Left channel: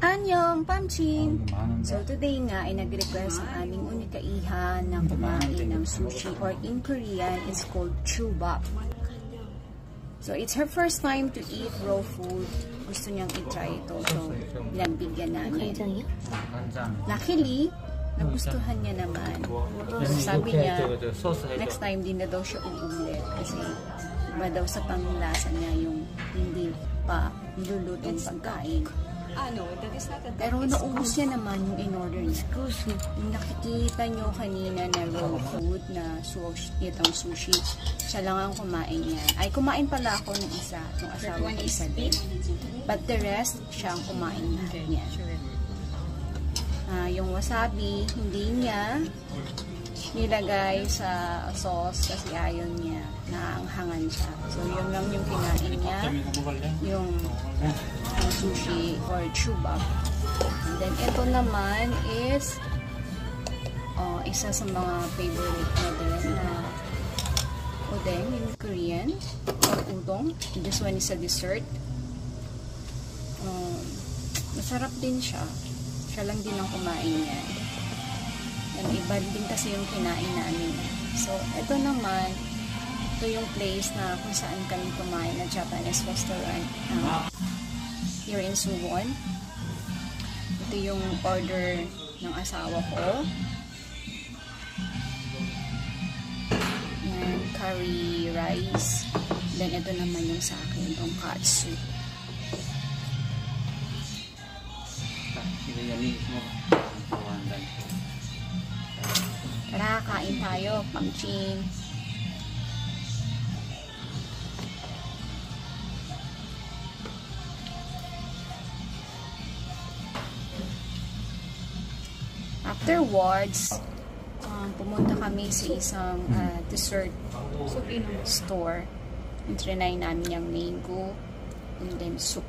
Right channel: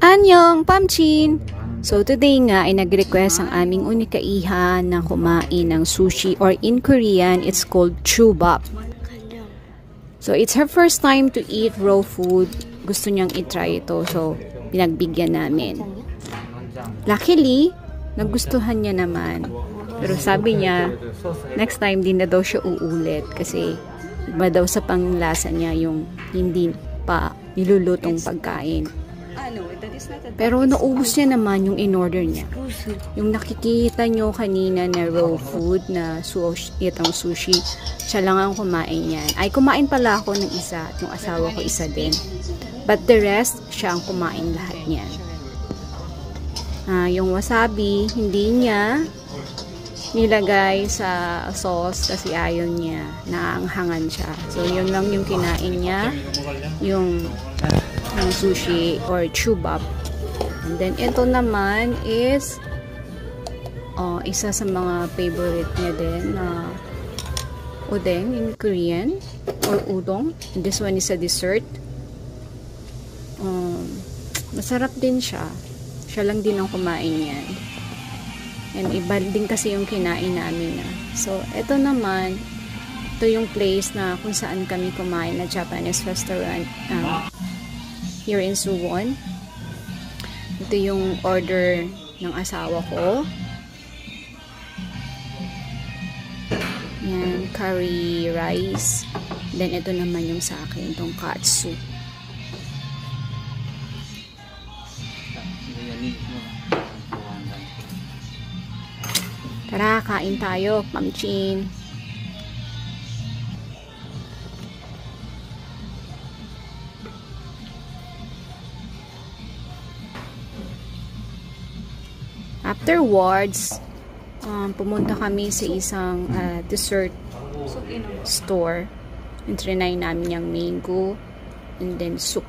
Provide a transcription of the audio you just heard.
Annyeong, Pamchin! So today nga ay nag-request ang aming unikaihan na kumain ng sushi, or in Korean, it's called chubap. So it's her first time to eat raw food. Gusto niyang i-try ito. So pinagbigyan namin. Luckily, nagustuhan niya naman. Pero sabi niya, next time din na daw siya uulit. Kasi iba daw sa panglasa niya yung hindi pa nilulutong pagkain. Pero naubos niya naman yung in-order niya. Yung nakikita nyo kanina na raw food na itong sushi, siya lang ang kumain yan. Ay, kumain pala ako ng isa at yung asawa ko isa din. But the rest, siya ang kumain lahat niyan. Yung wasabi, hindi niya nilagay sa sauce kasi ayaw niya. Naanghangan siya. So, yun lang yung kinain niya. Yung sushi or chubap. And then, ito naman is isa sa mga favorite niya din na odeng in Korean or udong. And this one is a dessert. Masarap din siya. Siya lang din ang kumain yan. And iba din kasi yung kinain namin. So, ito naman, ito yung place na kung saan kami kumain na Japanese restaurant here in Suwon. Ito yung order ng asawa ko. Yan, curry rice. Then, ito naman yung sa akin, itong katsu. Tara, kain tayo, Pamchin. Afterwards, pumunta kami sa isang dessert store. And trinay namin yung mango and then soup.